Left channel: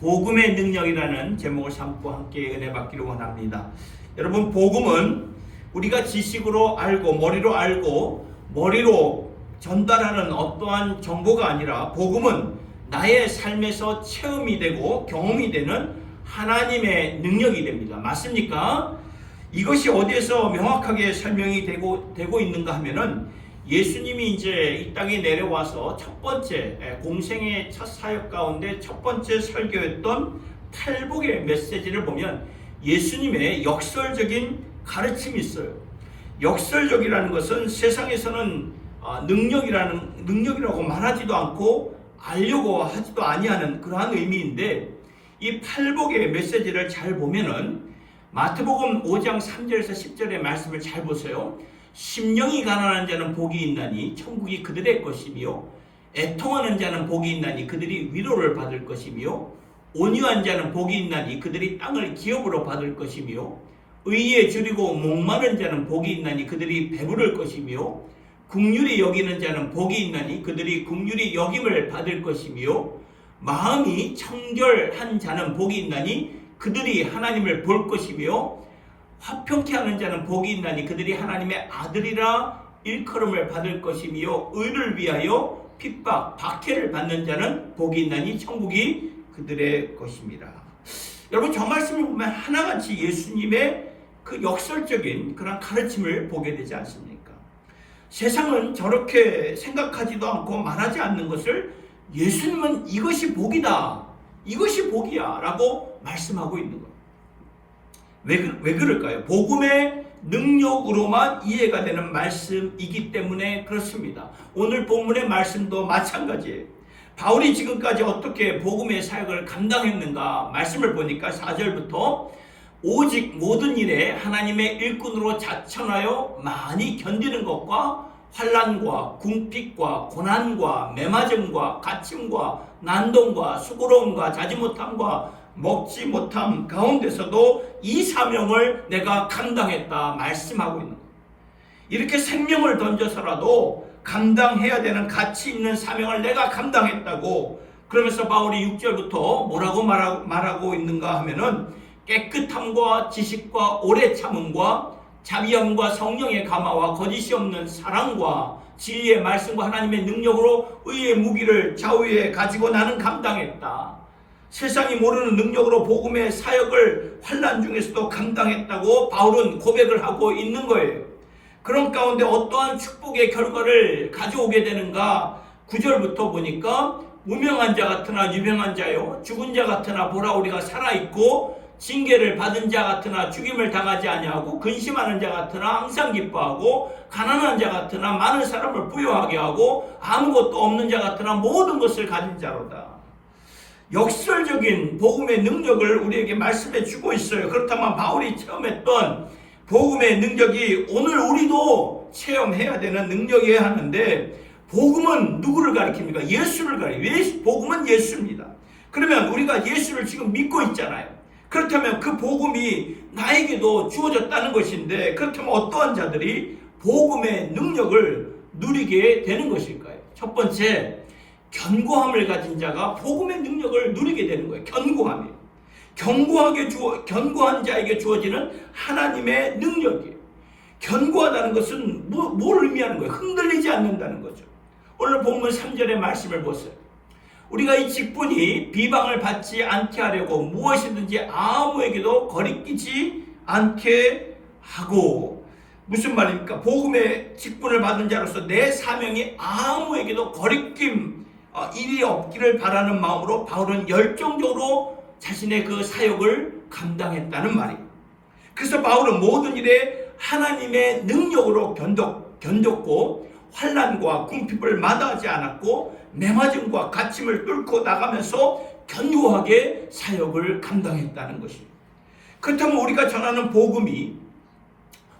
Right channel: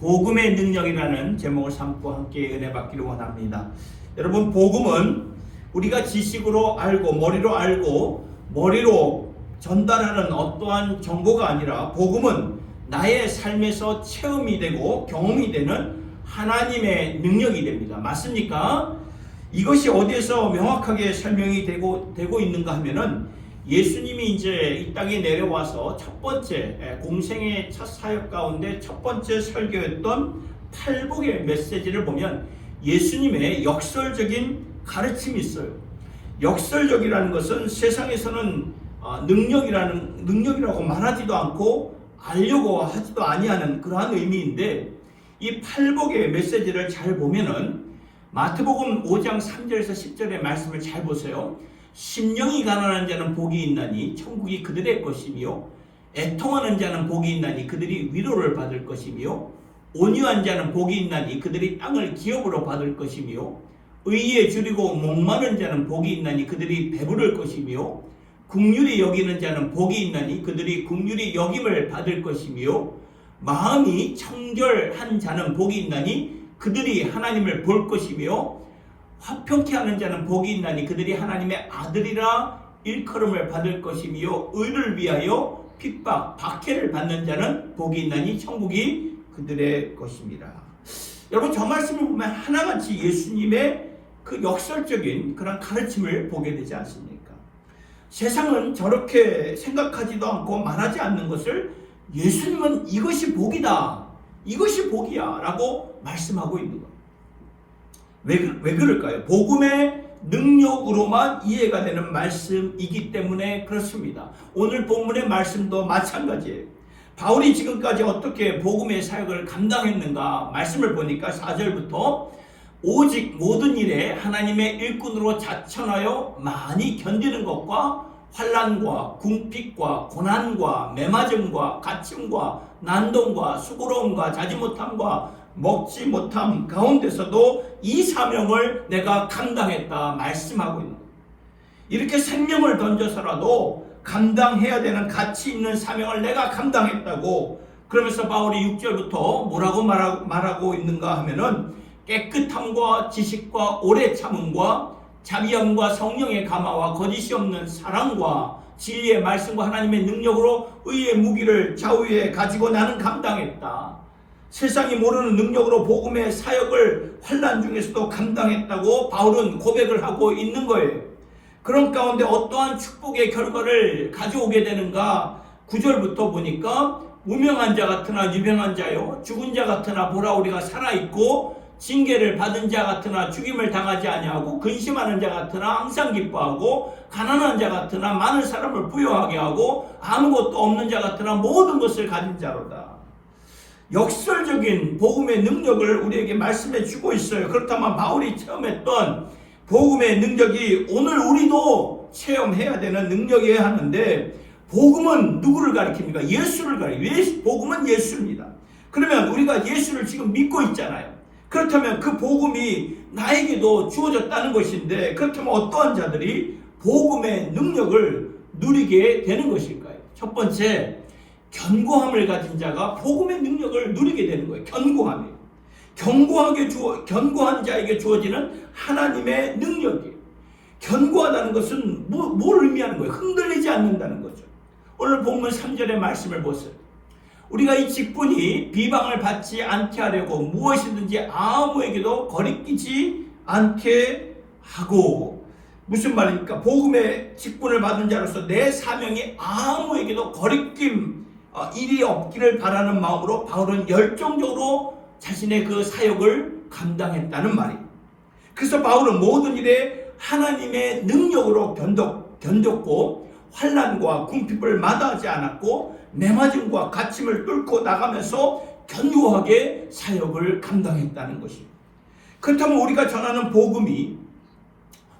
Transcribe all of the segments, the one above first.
복음의 능력이라는 제목을 삼고 함께 은혜 받기를 원합니다. 여러분, 복음은 우리가 지식으로 알고 머리로 전달하는 어떠한 정보가 아니라, 복음은 나의 삶에서 체험이 되고 경험이 되는 하나님의 능력이 됩니다. 맞습니까? 이것이 어디에서 명확하게 설명이 되고 있는가 하면은, 예수님이 이제 이 땅에 내려와서 첫 번째 공생의 첫 사역 가운데 첫 번째 설교했던 팔복의 메시지를 보면 예수님의 역설적인 가르침이 있어요. 역설적이라는 것은 세상에서는 능력이라고 말하지도 않고 알려고 하지도 아니하는 그러한 의미인데, 이 팔복의 메시지를 잘 보면은 마태복음 5장 3절에서 10절의 말씀을 잘 보세요. 심령이 가난한 자는 복이 있나니 천국이 그들의 것이며, 애통하는 자는 복이 있나니 그들이 위로를 받을 것이며, 온유한 자는 복이 있나니 그들이 땅을 기업으로 받을 것이며, 의에 줄이고 목마른 자는 복이 있나니 그들이 배부를 것이며, 긍휼히 여기는 자는 복이 있나니 그들이 긍휼히 여김을 받을 것이며, 마음이 청결한 자는 복이 있나니 그들이 하나님을 볼 것이며, 화평케 하는 자는 복이 있나니 그들이 하나님의 아들이라 일컬음을 받을 것이며, 의를 위하여 핍박, 박해를 받는 자는 복이 있나니 천국이 그들의 것입니다. 여러분, 저 말씀을 보면 하나같이 예수님의 그 역설적인 그런 가르침을 보게 되지 않습니까? 세상은 저렇게 생각하지도 않고 말하지 않는 것을 예수님은 이것이 복이다, 이것이 복이야 라고 말씀하고 있는 거예요. 왜 그럴까요? 복음의 능력으로만 이해가 되는 말씀이기 때문에 그렇습니다. 오늘 본문의 말씀도 마찬가지예요. 바울이 지금까지 어떻게 복음의 사역을 감당했는가 말씀을 보니까 4절부터 오직 모든 일에 하나님의 일꾼으로 자천하여 많이 견디는 것과 환난과 궁핍과 고난과 매맞음과 갇힘과 난동과 수고로움과 자지 못함과 먹지 못함 가운데서도 이 사명을 내가 감당했다 말씀하고 있는 거예요. 이렇게 생명을 던져서라도 감당해야 되는 가치 있는 사명을 내가 감당했다고. 그러면서 바울이 6절부터 뭐라고 말하고 있는가 하면은, 깨끗함과 지식과 오래 참음과 자비함과 성령의 감화와 거짓이 없는 사랑과 진리의 말씀과 하나님의 능력으로 의의 무기를 좌우에 가지고 나는 감당했다. 세상이 모르는 능력으로 복음의 사역을 환난 중에서도 감당했다고 바울은 고백을 하고 있는 거예요. 그런 가운데 어떠한 축복의 결과를 가져오게 되는가? 9절부터 보니까, 무명한 자 같으나 유명한 자요, 죽은 자 같으나 보라 우리가 살아있고, 징계를 받은 자 같으나 죽임을 당하지 아니하고, 근심하는 자 같으나 항상 기뻐하고, 가난한 자 같으나 많은 사람을 부유하게 하고, 아무것도 없는 자 같으나 모든 것을 가진 자로다. 역설적인 복음의 능력을 우리에게 말씀해 주고 있어요. 그렇다면 바울이 체험했던 복음의 능력이 오늘 우리도 체험해야 되는 능력이어야 하는데, 복음은 누구를 가리킵니까? 예수를 가리킵니다. 복음은 예수입니다. 그러면 우리가 예수를 지금 믿고 있잖아요. 그렇다면 그 복음이 나에게도 주어졌다는 것인데, 그렇다면 어떠한 자들이 복음의 능력을 누리게 되는 것일까요? 첫 번째, 견고함을 가진 자가 복음의 능력을 누리게 되는 거예요. 견고함이에요. 견고한 자에게 주어지는 하나님의 능력이에요. 견고하다는 것은 뭘 의미하는 거예요? 흔들리지 않는다는 거죠. 오늘 본문 3절의 말씀을 보세요. 우리가 이 직분이 비방을 받지 않게 하려고 무엇이든지 아무에게도 거리끼지 않게 하고. 무슨 말입니까? 복음의 직분을 받은 자로서 내 사명이 아무에게도 거리낌 일이 없기를 바라는 마음으로 바울은 열정적으로 자신의 그 사역을 감당했다는 말입니다. 그래서 바울은 모든 일에 하나님의 능력으로 견뎠고, 환난과 궁핍을 마다하지 않았고, 매맞음과 갇힘을 뚫고 나가면서 견고하게 사역을 감당했다는 것입니다. 그렇다면 우리가 전하는 복음이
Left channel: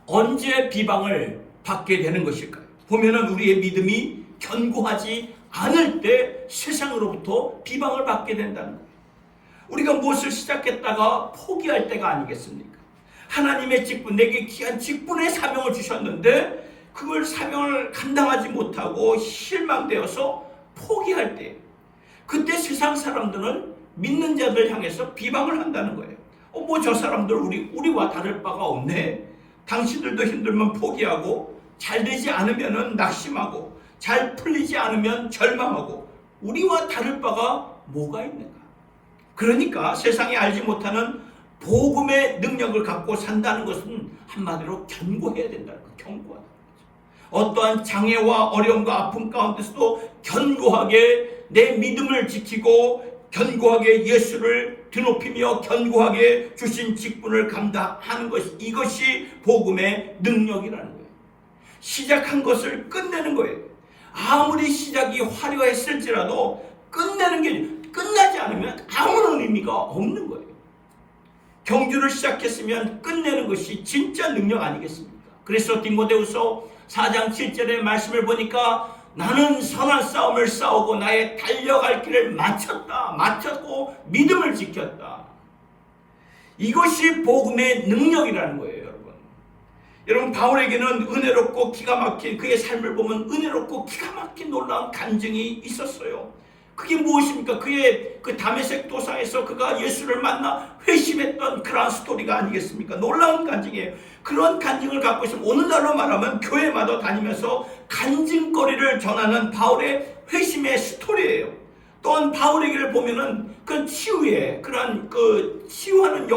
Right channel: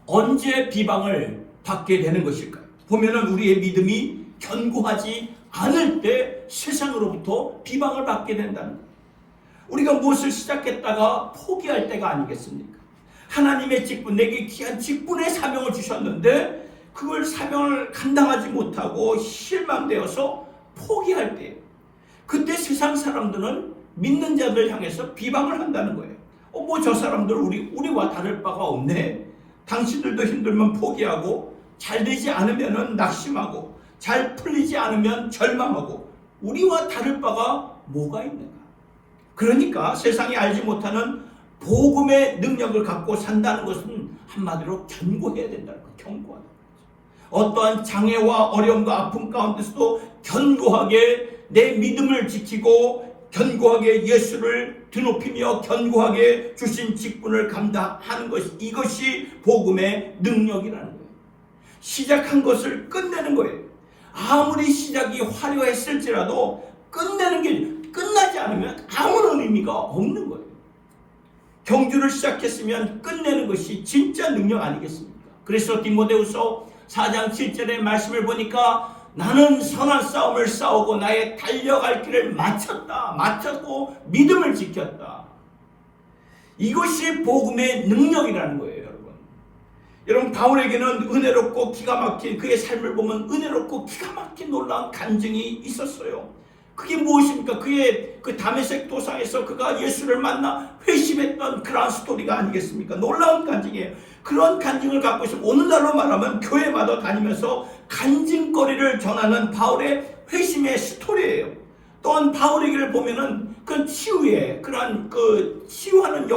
언제 비방을 받게 되는 것일까요? 보면은 우리의 믿음이 견고하지 않을 때 세상으로부터 비방을 받게 된다는 거예요. 우리가 무엇을 시작했다가 포기할 때가 아니겠습니까? 하나님의 직분, 내게 귀한 직분의 사명을 주셨는데 그걸 사명을 감당하지 못하고 실망되어서 포기할 때, 그때 세상 사람들은 믿는 자들 향해서 비방을 한다는 거예요. 뭐 저 사람들 우리와 다를 바가 없네. 당신들도 힘들면 포기하고 잘 되지 않으면 낙심하고 잘 풀리지 않으면 절망하고 우리와 다를 바가 뭐가 있는가. 그러니까 세상이 알지 못하는 복음의 능력을 갖고 산다는 것은 한마디로 견고해야 된다는 거예요. 견고하다. 어떠한 장애와 어려움과 아픔 가운데서도 견고하게 내 믿음을 지키고 견고하게 예수를 드높이며 견고하게 주신 직분을 감당하는 것, 이것이 복음의 능력이라는 거예요. 시작한 것을 끝내는 거예요. 아무리 시작이 화려했을지라도 끝내는 게 끝나지 않으면 아무런 의미가 없는 거예요. 경주를 시작했으면 끝내는 것이 진짜 능력 아니겠습니까? 그래서 디모데후서 4장 7절의 말씀을 보니까 나는 선한 싸움을 싸우고 나의 달려갈 길을 마쳤고 믿음을 지켰다. 이것이 복음의 능력이라는 거예요, 여러분. 여러분, 바울에게는 은혜롭고 기가 막힌 그의 삶을 보면 은혜롭고 기가 막힌 놀라운 간증이 있었어요. 그게 무엇입니까? 그의 그 다메섹 도상에서 그가 예수를 만나 회심했던 그러한 스토리가 아니겠습니까? 놀라운 간증이에요. 그런 간증을 갖고 있으면 오늘날로 말하면 교회마다 다니면서 간증거리를 전하는 바울의 회심의 스토리예요. 또한 바울에게를 보면은 그 치유의 그러한 그 치유하는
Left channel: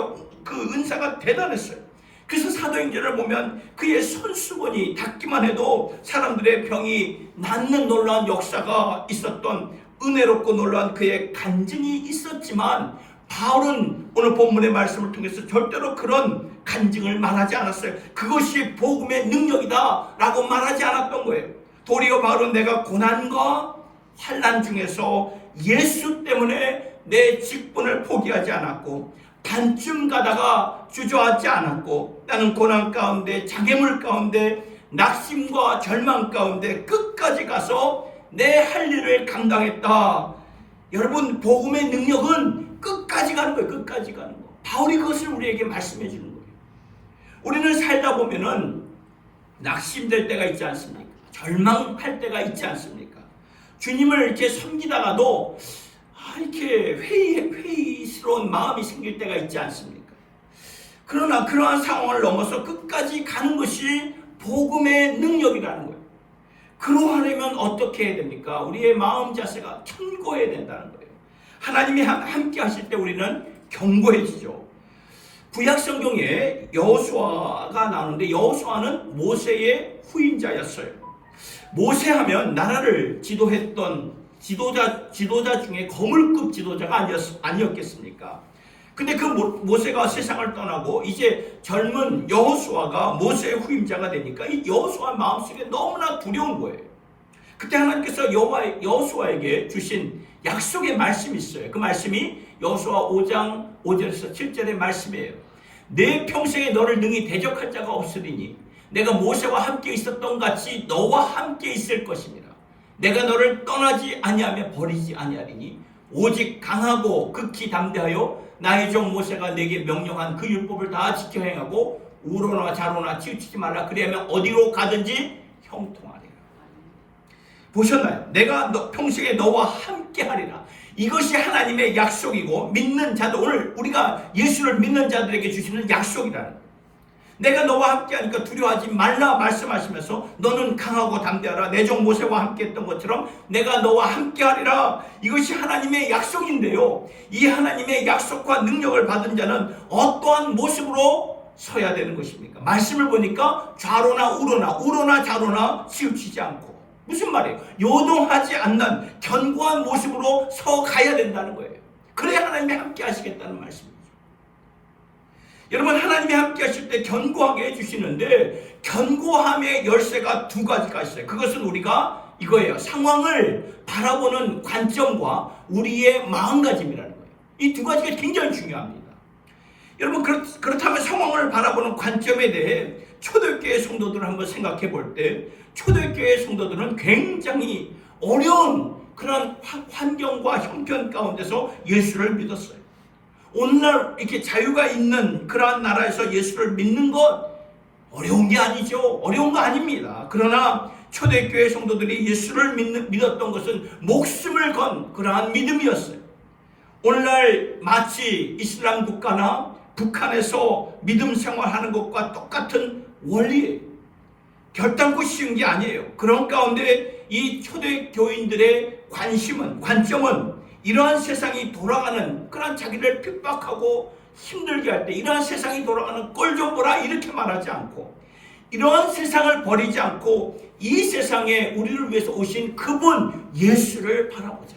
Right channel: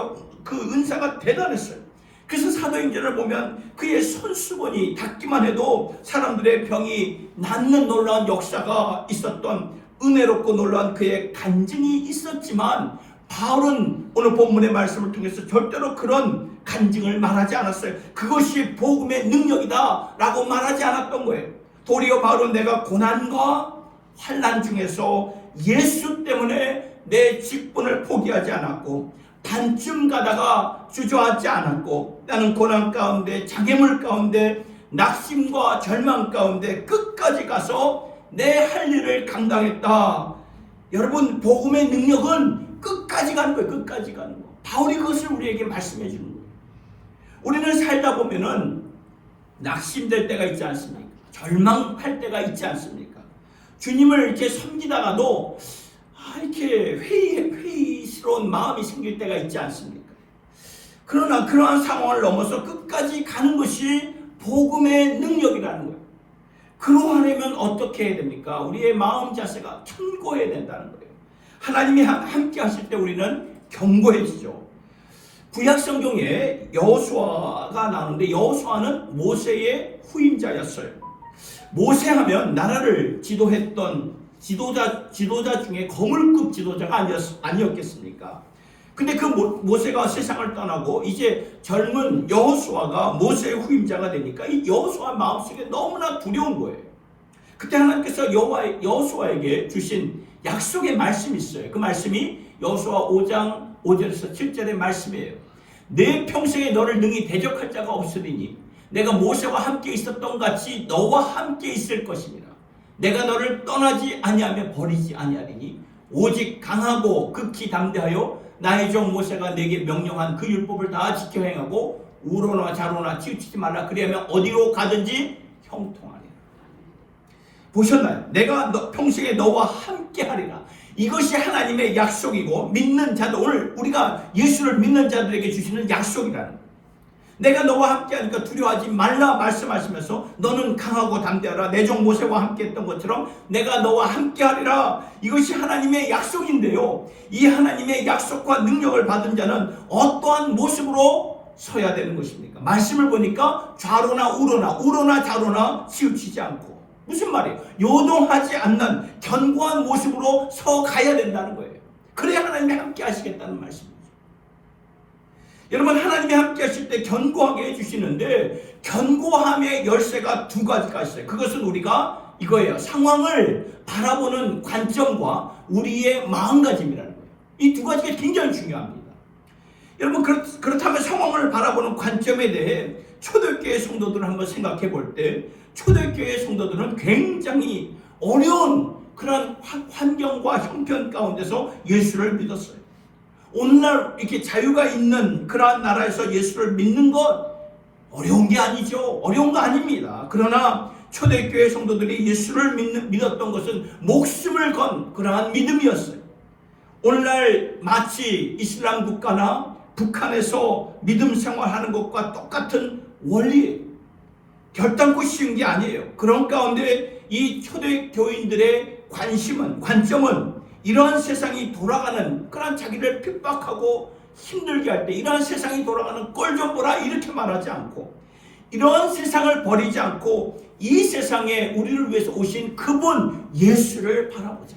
그 은사가 대단했어요. 그래서 사도행전을 보면 그의 손수건이 닿기만 해도 사람들의 병이 낫는 놀라운 역사가 있었던 은혜롭고 놀라운 그의 간증이 있었지만 바울은 오늘 본문의 말씀을 통해서 절대로 그런 간증을 말하지 않았어요. 그것이 복음의 능력이다 라고 말하지 않았던 거예요. 도리어 바울은 내가 고난과 환난 중에서 예수 때문에 내 직분을 포기하지 않았고 반쯤 가다가 주저하지 않았고 나는 고난 가운데 장애물 가운데 낙심과 절망 가운데 끝까지 가서 내 할 일을 감당했다. 여러분, 복음의 능력은 끝까지 가는 거예요. 끝까지 가는 거. 바울이 그것을 우리에게 말씀해 주는 거예요. 우리는 살다 보면은 낙심될 때가 있지 않습니까? 절망할 때가 있지 않습니까? 주님을 이렇게 섬기다가도 이렇게 회의스러운 마음이 생길 때가 있지 않습니까? 그러나 그러한 상황을 넘어서 끝까지 가는 것이 복음의 능력이라는 거예요. 그러하려면 어떻게 해야 됩니까? 우리의 마음 자세가 견고해야 된다는 거예요. 하나님이 함께 하실 때 우리는 견고해지죠. 구약 성경에 여호수아가 나오는데 여호수아는 모세의 후임자였어요. 모세하면 나라를 지도했던 지도자 중에 거물급 지도자가 아니었겠습니까? 근데 그 모세가 세상을 떠나고 이제 젊은 여호수아가 모세의 후임자가 되니까 이 여호수아 마음속에 너무나 두려운 거예요. 그때 하나님께서 여호수아에게 주신 약속의 말씀이 있어요. 그 말씀이 여호수아 5장 5절에서 7절의 말씀이에요. 내 평생에 너를 능히 대적할 자가 없으리니 내가 모세와 함께 있었던 같이 너와 함께 있을 것입니다. 내가 너를 떠나지 아니하며 버리지 아니하리니 오직 강하고 극히 담대하여 나의 종 모세가 내게 명령한 그 율법을 다 지켜 행하고 우로나 좌로나 치우치지 말라. 그리하면 어디로 가든지 형통하리라. 보셨나요? 내가 평생에 너와 함께 하리라. 이것이 하나님의 약속이고 믿는 자들, 오늘 우리가 예수를 믿는 자들에게 주시는 약속이라는 거예요. 내가 너와 함께 하니까 두려워하지 말라 말씀하시면서 너는 강하고 담대하라. 내 종 모세와 함께 했던 것처럼 내가 너와 함께 하리라. 이것이 하나님의 약속인데요. 이 하나님의 약속과 능력을 받은 자는 어떠한 모습으로 서야 되는 것입니까? 말씀을 보니까 좌로나 우로나 좌로나 치우치지 않고, 무슨 말이에요? 요동하지 않는 견고한 모습으로 서 가야 된다는 거예요. 그래야 하나님이 함께 하시겠다는 말씀입니다. 여러분, 하나님이 함께 하실 때 견고하게 해주시는데 견고함의 열쇠가 두 가지가 있어요. 그것은 우리가 이거예요. 상황을 바라보는 관점과 우리의 마음가짐이라는 거예요. 이 두 가지가 굉장히 중요합니다. 여러분, 그렇다면 상황을 바라보는 관점에 대해 초대교회 성도들을 한번 생각해 볼 때 초대교회 성도들은 굉장히 어려운 그런 환경과 형편 가운데서 예수를 믿었어요. 오늘날 이렇게 자유가 있는 그러한 나라에서 예수를 믿는 것 어려운 게 아니죠. 어려운 거 아닙니다. 그러나 초대교회 성도들이 예수를 믿었던 것은 목숨을 건 그러한 믿음이었어요. 오늘날 마치 이슬람 국가나 북한에서 믿음 생활하는 것과 똑같은 원리예요. 결단코 쉬운 게 아니에요. 그런 가운데 이 초대교인들의 관점은 이러한 세상이 돌아가는, 그런 자기를 핍박하고 힘들게 할 때 이러한 세상이 돌아가는 꼴 좀 보라 이렇게 말하지 않고, 이러한 세상을 버리지 않고 이 세상에 우리를 위해서 오신 그분 예수를 바라보자.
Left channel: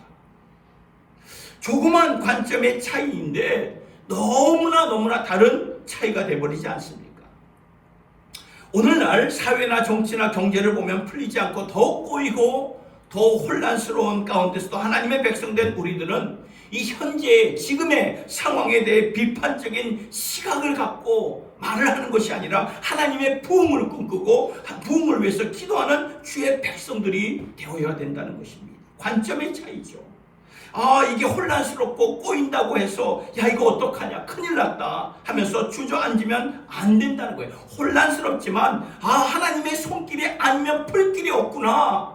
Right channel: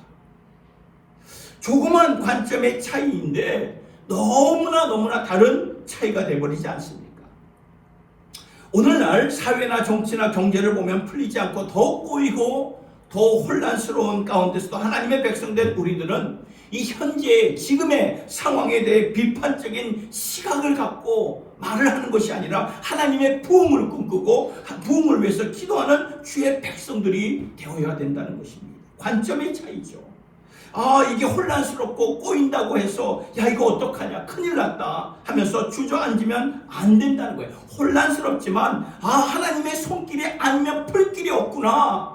조그만 관점의 차이인데 너무나 다른 차이가 되어버리지 않습니까? 오늘날 사회나 정치나 경제를 보면 풀리지 않고 더 꼬이고 더 혼란스러운 가운데서도 하나님의 백성된 우리들은 이 현재 지금의 상황에 대해 비판적인 시각을 갖고 말을 하는 것이 아니라 하나님의 부흥을 꿈꾸고 부흥을 위해서 기도하는 주의 백성들이 되어야 된다는 것입니다. 관점의 차이죠. 이게 혼란스럽고 꼬인다고 해서 야 이거 어떡하냐 큰일 났다 하면서 주저앉으면 안 된다는 거예요. 혼란스럽지만 하나님의 손길이 아니면 풀 길이 없구나,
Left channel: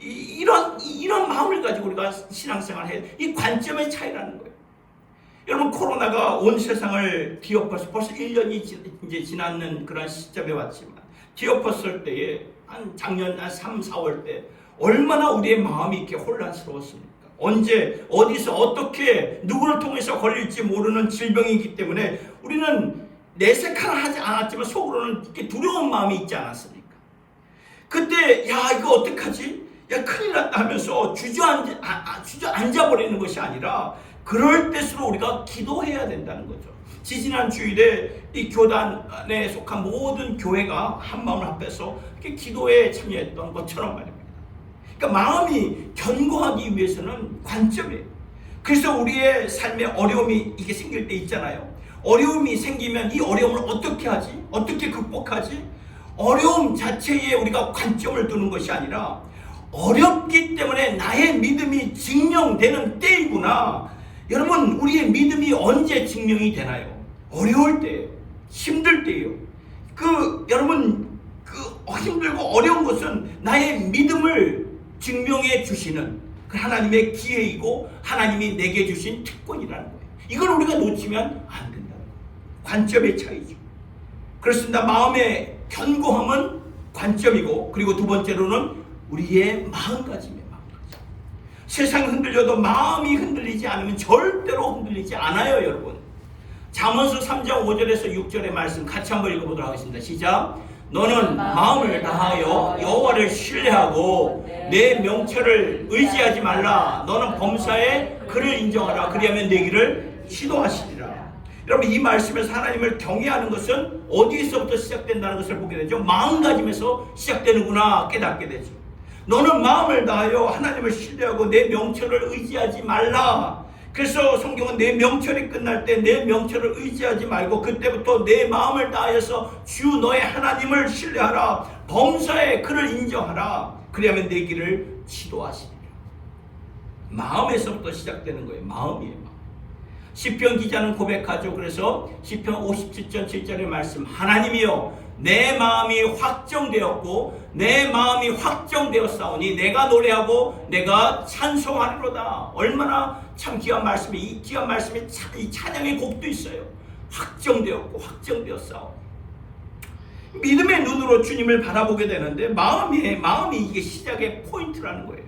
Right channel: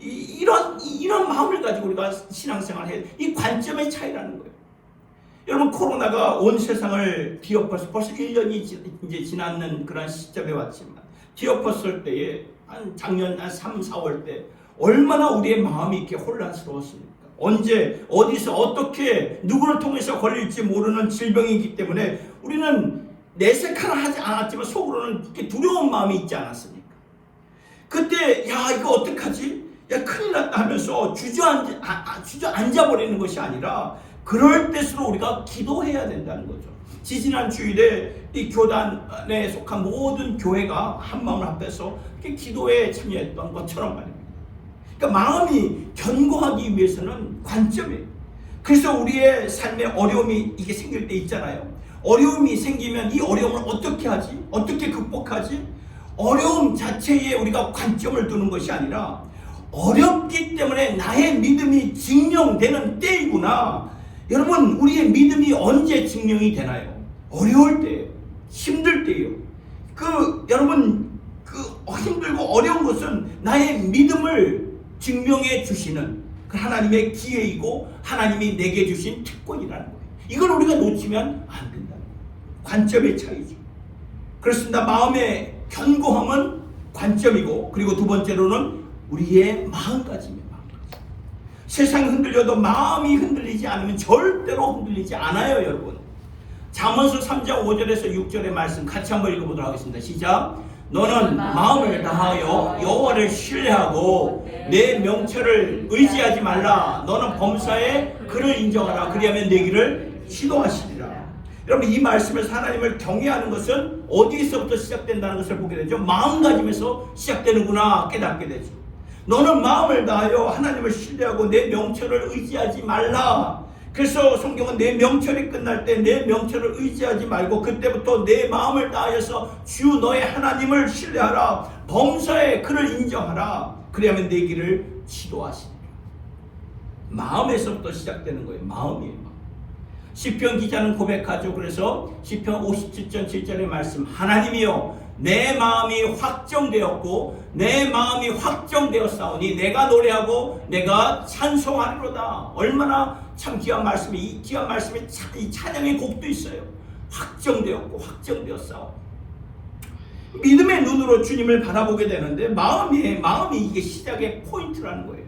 이런 마음을 가지고 우리가 신앙생활을 해야 돼. 이 관점의 차이라는 거예요. 여러분, 코로나가 온 세상을 뒤엎어서 벌써 1년이 이제 지나는 그런 시점에 왔지만, 뒤엎었을 때에 작년 3, 4월 때 얼마나 우리의 마음이 이렇게 혼란스러웠습니까? 언제 어디서 어떻게 누구를 통해서 걸릴지 모르는 질병이기 때문에 우리는 내색은 하지 않았지만 속으로는 이렇게 두려운 마음이 있지 않았습니까? 그때 이거 어떡하지? 큰일 났다 하면서 주저앉아버리는 것이 아니라 그럴 때수록 우리가 기도해야 된다는 거죠. 지지난 주일에 이 교단에 속한 모든 교회가 한마음을 합해서 이렇게 기도에 참여했던 것처럼 말입니다. 그러니까 마음이 견고하기 위해서는 관점이에요. 그래서 우리의 삶에 어려움이 이게 생길 때 있잖아요. 어려움이 생기면 이 어려움을 어떻게 하지? 어떻게 극복하지? 어려움 자체에 우리가 관점을 두는 것이 아니라 어렵기 때문에 나의 믿음이 증명되는 때이구나. 여러분, 우리의 믿음이 언제 증명이 되나요? 어려울 때, 힘들 때요. 여러분, 힘들고 어려운 것은 나의 믿음을 증명해 주시는 그 하나님의 기회이고 하나님이 내게 주신 특권이라는 거예요. 이걸 우리가 놓치면 안 된다는 거예요. 관점의 차이죠. 그렇습니다. 마음의 견고함은 관점이고, 그리고 두 번째로는 우리의 마음가짐이에요. 세상이 흔들려도 마음이 흔들리지 않으면 절대로 흔들리지 않아요, 여러분. 잠언서 3장 5절에서 6절의 말씀 같이 한번 읽어보도록 하겠습니다. 시작. 너는 마음을 다하여 여호와를 신뢰하고 내 명철을 의지하지 말라. 너는 범사에 그를 인정하라. 그리하면 내 길을 지도하시리라. 여러분, 이 말씀에서 하나님을 경외하는 것은 어디서부터 시작된다는 것을 보게 되죠. 마음가짐에서 시작되는구나 깨닫게 되죠. 너는 마음을 다하여 하나님을 신뢰하고 내 명철을 의지하지 말라. 그래서 성경은 내 명철이 끝날 때 내 명철을 의지하지 말고 그때부터 내 마음을 다하여서 주 너의 하나님을 신뢰하라. 범사에 그를 인정하라. 그리하면 내 길을 지도하시리라. 마음에서부터 시작되는 거예요. 마음이에요. 시편 기자는 고백하죠. 그래서 시편 57편 7절의 말씀, 하나님이여 내 마음이 확정되었고 내 마음이 확정되었사오니 내가 노래하고 내가 찬송하리로다. 얼마나 참 귀한 말씀이, 이 귀한 말씀에 이 찬양의 곡도 있어요. 확정되었고 확정되었사오. 믿음의 눈으로 주님을 바라보게 되는데 마음이 이게 시작의 포인트라는 거예요.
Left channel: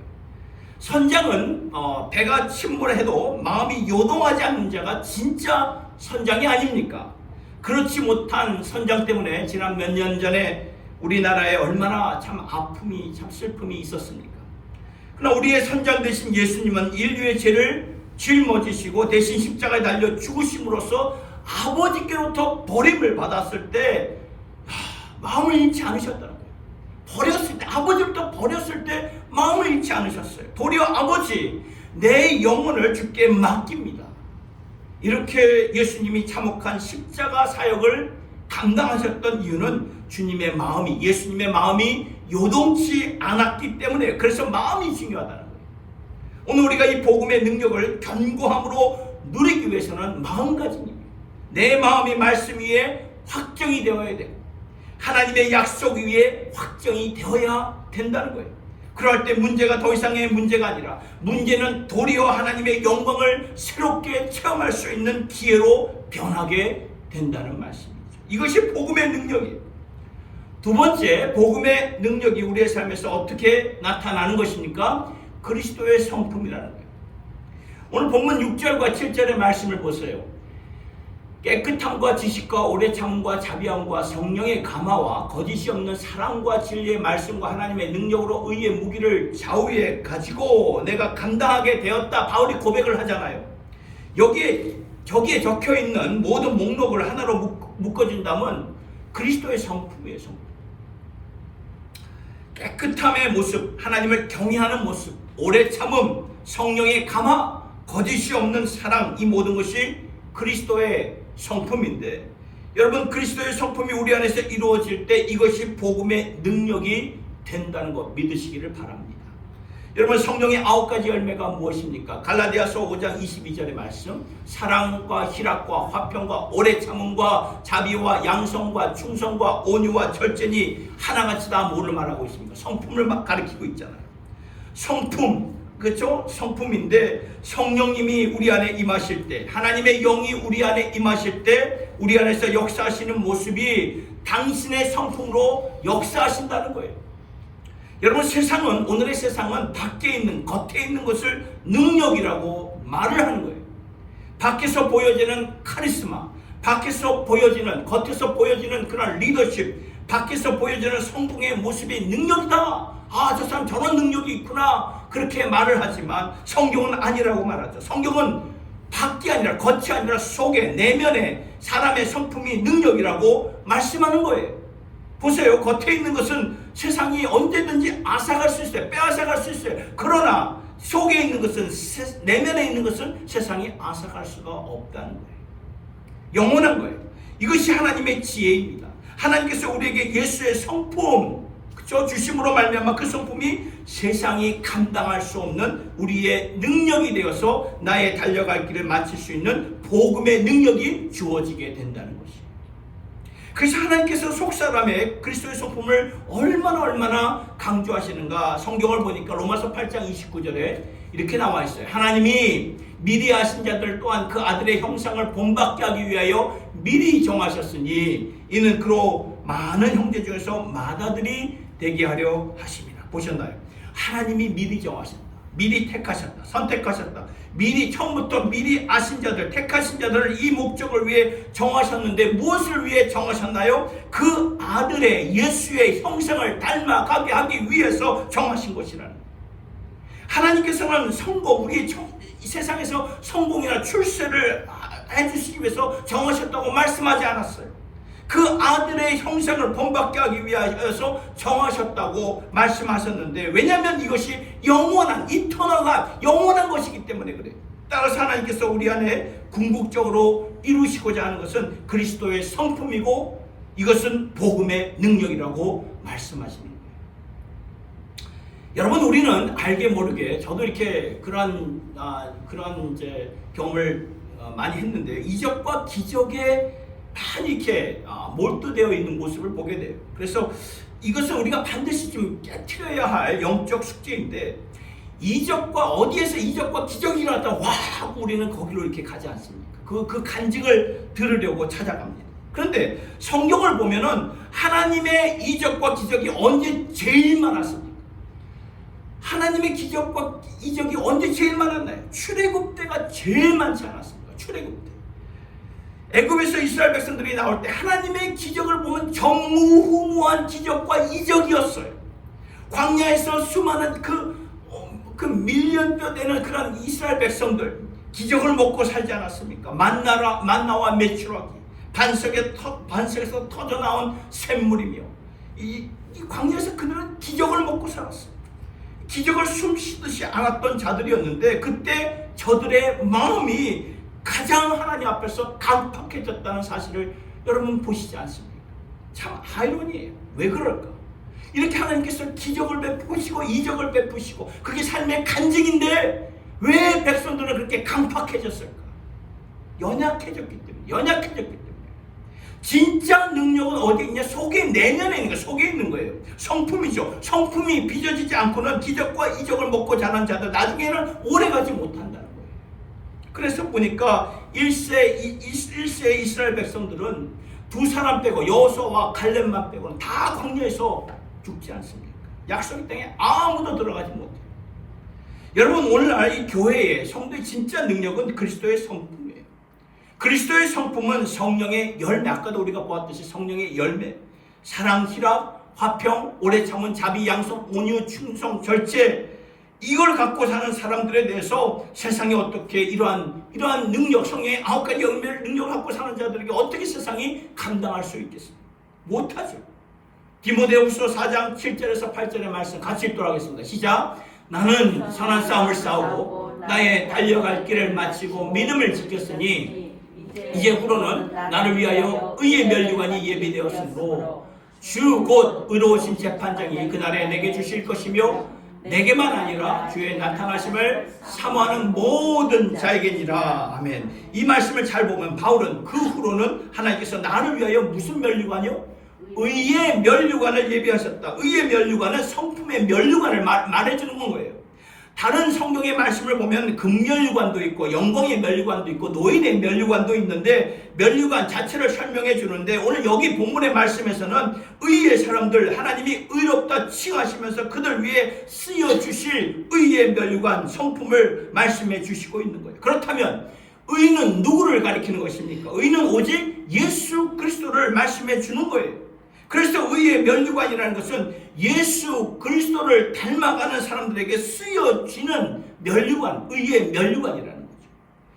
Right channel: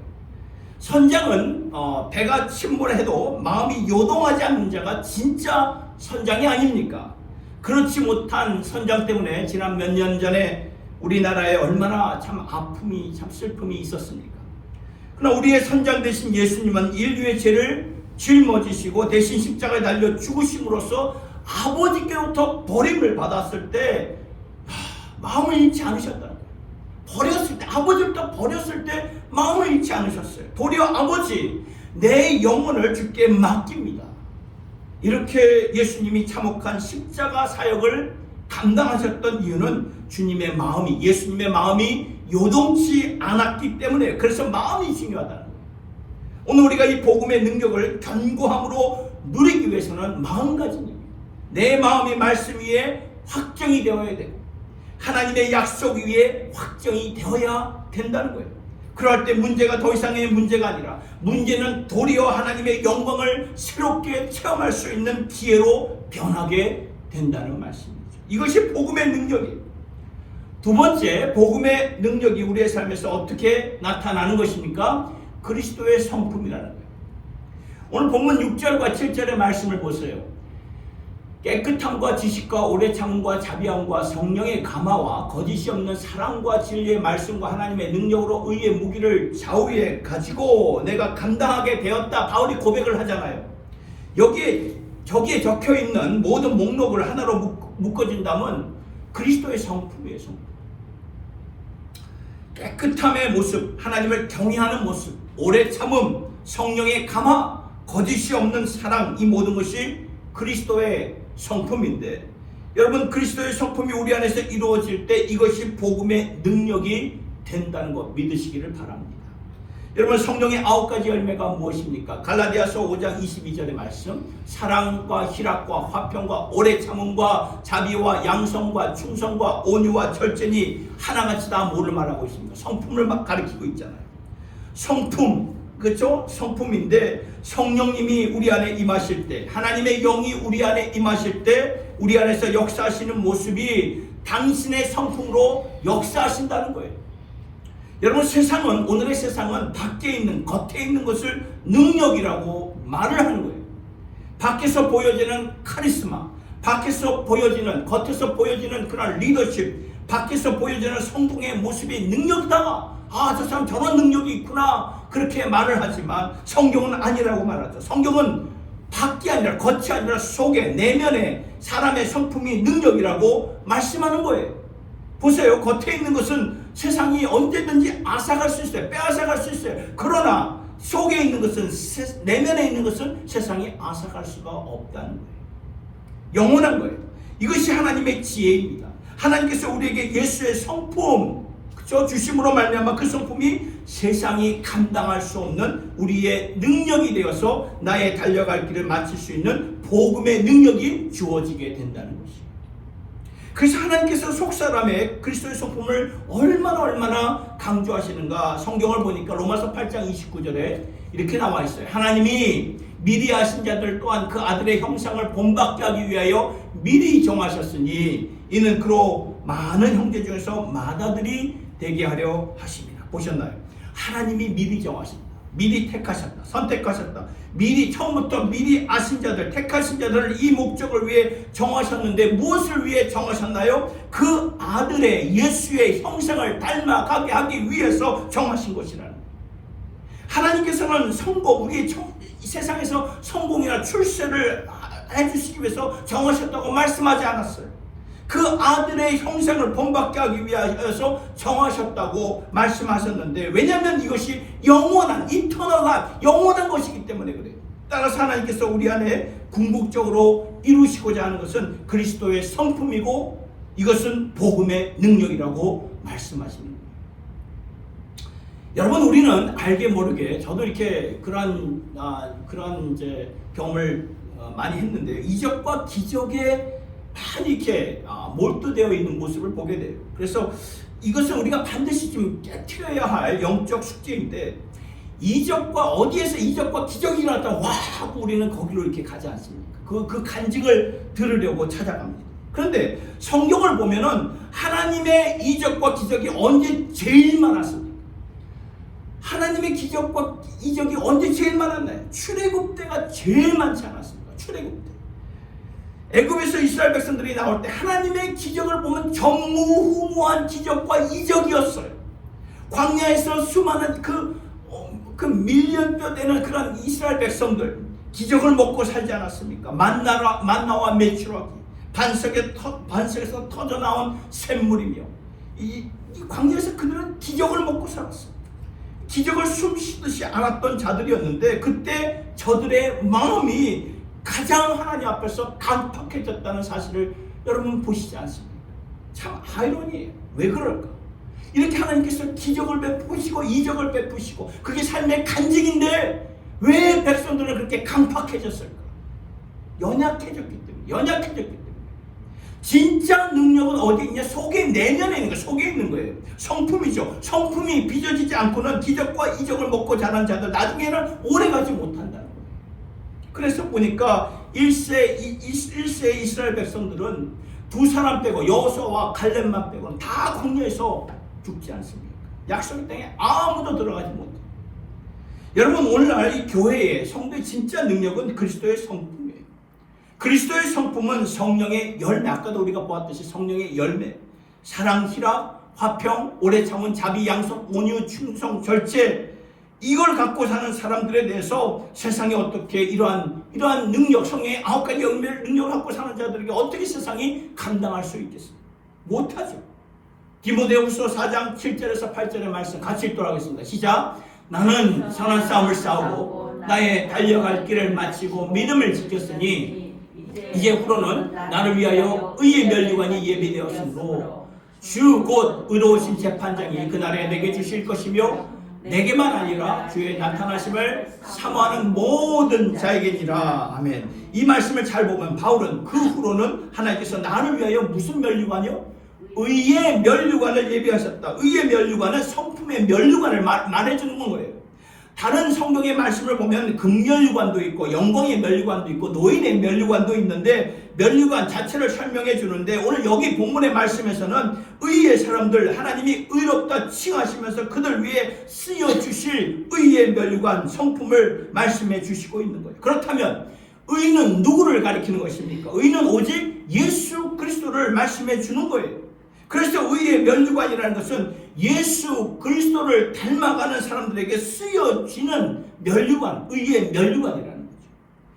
선장은 배가 침몰해도 마음이 요동하지 않는 자가 진짜 선장이 아닙니까? 그렇지 못한 선장 때문에 지난 몇 년 전에 우리나라에 얼마나 참 아픔이, 참 슬픔이 있었습니까? 그러나 우리의 선장 되신 예수님은 인류의 죄를 짊어지시고 대신 십자가에 달려 죽으심으로써 아버지께로부터 버림을 받았을 때 마음을 잃지 않으셨다는 거예요. 버렸을 때, 아버지부터 버렸을 때 마음을 잃지 않으셨어요. 도리어 아버지, 내 영혼을 주께 맡깁니다. 이렇게 예수님이 참혹한 십자가 사역을 감당하셨던 이유는 주님의 마음이, 예수님의 마음이 요동치 않았기 때문에, 그래서 마음이 중요하다는 거예요. 오늘 우리가 이 복음의 능력을 견고함으로 누리기 위해서는 마음가짐입니다. 내 마음이 말씀 위에 확정이 되어야 되고 하나님의 약속 위에 확정이 되어야 된다는 거예요. 그럴 때 문제가 더 이상의 문제가 아니라 문제는 도리어 하나님의 영광을 새롭게 체험할 수 있는 기회로 변하게 된다는 말씀이죠. 이것이 복음의 능력이에요. 두 번째, 복음의 능력이 우리의 삶에서 어떻게 나타나는 것입니까? 그리스도의 성품이라는 거예요. 오늘 본문 6절과 7절의 말씀을 보세요. 깨끗함과 지식과 오래 참음과 자비함과 성령의 감화와 거짓이 없는 사랑과 진리의 말씀과 하나님의 능력으로 의의 무기를 좌우에 가지고 내가 감당하게 되었다. 바울이 고백을 하잖아요. 저기에 적혀있는 모든 목록을 하나로 묶어준다면 그리스도의 성품이에요. 성품. 깨끗함의 모습, 하나님을 경외하는 모습, 오래 참음, 성령의 감화, 거짓이 없는 사랑, 이 모든 것이 그리스도의 성품인데, 여러분, 그리스도의 성품이 우리 안에서 이루어질 때 이것이 복음의 능력이 된다는 것 믿으시기를 바랍니다. 여러분, 성령의 9가지 열매가 무엇입니까? 갈라디아서 5장 22절의 말씀, 사랑과 희락과 화평과 오래 참음과 자비와 양성과 충성과 온유와 절제니 하나같이 다 뭐를 말하고 있습니까? 성품을 막 가리키고 있잖아요. 성품, 그렇죠? 성품인데, 성령님이 우리 안에 임하실 때, 하나님의 영이 우리 안에 임하실 때 우리 안에서 역사하시는 모습이 당신의 성품으로 역사하신다는 거예요. 여러분, 오늘의 세상은 밖에 있는, 겉에 있는 것을 능력이라고 말을 하는 거예요. 밖에서 보여지는 카리스마, 겉에서 보여지는 그런 리더십, 밖에서 보여지는 성공의 모습이 능력이다. 저 사람 저런 능력이 있구나. 그렇게 말을 하지만 성경은 아니라고 말하죠. 성경은 밖이 아니라 겉이 아니라 속에, 내면에 사람의 성품이 능력이라고 말씀하는 거예요. 보세요. 겉에 있는 것은 세상이 언제든지 앗아갈 수 있어요. 빼앗아갈 수 있어요. 그러나 속에 있는 것은, 내면에 있는 것은 세상이 앗아갈 수가 없다는 거예요. 영원한 거예요. 이것이 하나님의 지혜입니다. 하나님께서 우리에게 예수의 성품 주심으로 말미암아 그 성품이 세상이 감당할 수 없는 우리의 능력이 되어서 나의 달려갈 길을 마칠 수 있는 복음의 능력이 주어지게 된다는 것이에요. 그래서 하나님께서 속사람의 그리스도의 성품을 얼마나 강조하시는가. 성경을 보니까 로마서 8장 29절에 이렇게 나와 있어요. 하나님이 미리 아신 자들 또한 그 아들의 형상을 본받게 하기 위하여 미리 정하셨으니 이는 그로 많은 형제 중에서 맏아들이 되게 하려 하십니다. 보셨나요? 하나님이 미리 정하셨다. 미리 택하셨다. 선택하셨다. 처음부터 미리 아신 자들, 택하신 자들을 이 목적을 위해 정하셨는데 무엇을 위해 정하셨나요? 그 아들의 예수의 형상을 닮아가게 하기 위해서 정하신 것이라는 거예요. 하나님께서는 우리의 세상에서 성공이나 출세를 해주시기 위해서 정하셨다고 말씀하지 않았어요. 그 아들의 형상을 본받게 하기 위하여서 정하셨다고 말씀하셨는데, 왜냐하면 이것이 영원한 것이기 때문에 그래요. 따라서 하나님께서 우리 안에 궁극적으로 이루시고자 하는 것은 그리스도의 성품이고 이것은 복음의 능력이라고 말씀하십니다. 여러분, 우리는 알게 모르게, 저도 이렇게 그런 이제 경험을 많이 했는데요. 이적과 기적에 많이 이렇게 몰두되어 있는 모습을 보게 돼요. 그래서 이것은 우리가 반드시 좀 깨트려야 할 영적 숙제인데, 어디에서 이적과 기적이 일어났다 와 하고 우리는 거기로 이렇게 가지 않습니까? 그 간증을 들으려고 찾아갑니다. 그런데 성경을 보면은 하나님의 이적과 기적이 언제 제일 많았습니까? 하나님의 기적과 이적이 언제 제일 많았나요? 출애굽 때가 제일 많지 않았습니까? 출애굽 때. 애굽에서 이스라엘 백성들이 나올 때 하나님의 기적을 보면 전무후무한 기적과 이적이었어요. 광야에서 수많은 그 밀연뼈 되는 그런 이스라엘 백성들, 기적을 먹고 살지 않았습니까? 만나와 메추라기, 반석에서 터져나온 샘물이며, 이 광야에서 그들은 기적을 먹고 살았어요. 기적을 숨쉬듯이 알았던 자들이었는데, 그때 저들의 마음이 가장 하나님 앞에서 강팍해졌다는 사실을 여러분 보시지 않습니까? 참 아이러니해요. 왜 그럴까? 이렇게 하나님께서 기적을 베푸시고 이적을 베푸시고 그게 삶의 간증인데 왜 백성들은 그렇게 강팍해졌을까? 연약해졌기 때문에. 진짜 능력은 어디 있냐? 속에, 내면에 있는 거예요. 속에 있는 거예요. 성품이죠. 성품이 빚어지지 않고는 기적과 이적을 먹고 자란 자들 나중에는 오래가지 못한다는 거예요. 그래서 보니까 1세 이스라엘 백성들은 두 사람 빼고 여호수아와 갈렙만 빼고는 다 광야에서 죽지 않습니까? 약속의 땅에 아무도 들어가지 못해요. 여러분, 오늘날 이 교회의 성도의 진짜 능력은 그리스도의 성품이에요. 그리스도의 성품은 성령의 열매, 아까도 우리가 보았듯이 성령의 열매, 사랑, 희락, 화평, 오래 참은 자비, 양속, 온유, 충성, 절제, 이걸 갖고 사는 사람들에 대해서 세상이 어떻게 이러한 능력, 성령의 9가지 열매를 능력을 갖고 사는 자들에게 어떻게 세상이 감당할 수 있겠습니까? 못하죠. 디모데후서 4장 7절에서 8절의 말씀 같이 읽도록 하겠습니다. 시작. 나는 선한 싸움을 싸우고 나의 달려갈 길을 마치고 믿음을 지켰으니 이제 후로는 나를 위하여 의의 면류관이 예비되었으므로 주 곧 의로우신 재판장이 그날에 내게 주실 것이며 내게만 아니라 주의 나타나심을 사모하는 모든 자에게니라. 아멘. 이 말씀을 잘 보면 바울은 그 후로는 하나님께서 나를 위하여 무슨 면류관이요? 의의 면류관을 예비하셨다. 의의 면류관은 성품의 면류관을 말해주는 거예요. 다른 성경의 말씀을 보면 금면류관도 있고 영광의 면류관도 있고 노인의 면류관도 있는데 면류관 자체를 설명해 주는데 오늘 여기 본문의 말씀에서는 의의 사람들, 하나님이 의롭다 칭하시면서 그들 위해 쓰여주실 의의 면류관 성품을 말씀해 주시고 있는 거예요. 그렇다면 의는 누구를 가리키는 것입니까? 의는 오직 예수 그리스도를 말씀해 주는 거예요. 그래서 의의 면류관이라는 것은 예수 그리스도를 닮아가는 사람들에게 쓰여지는 면류관, 의의 면류관이라는 거죠.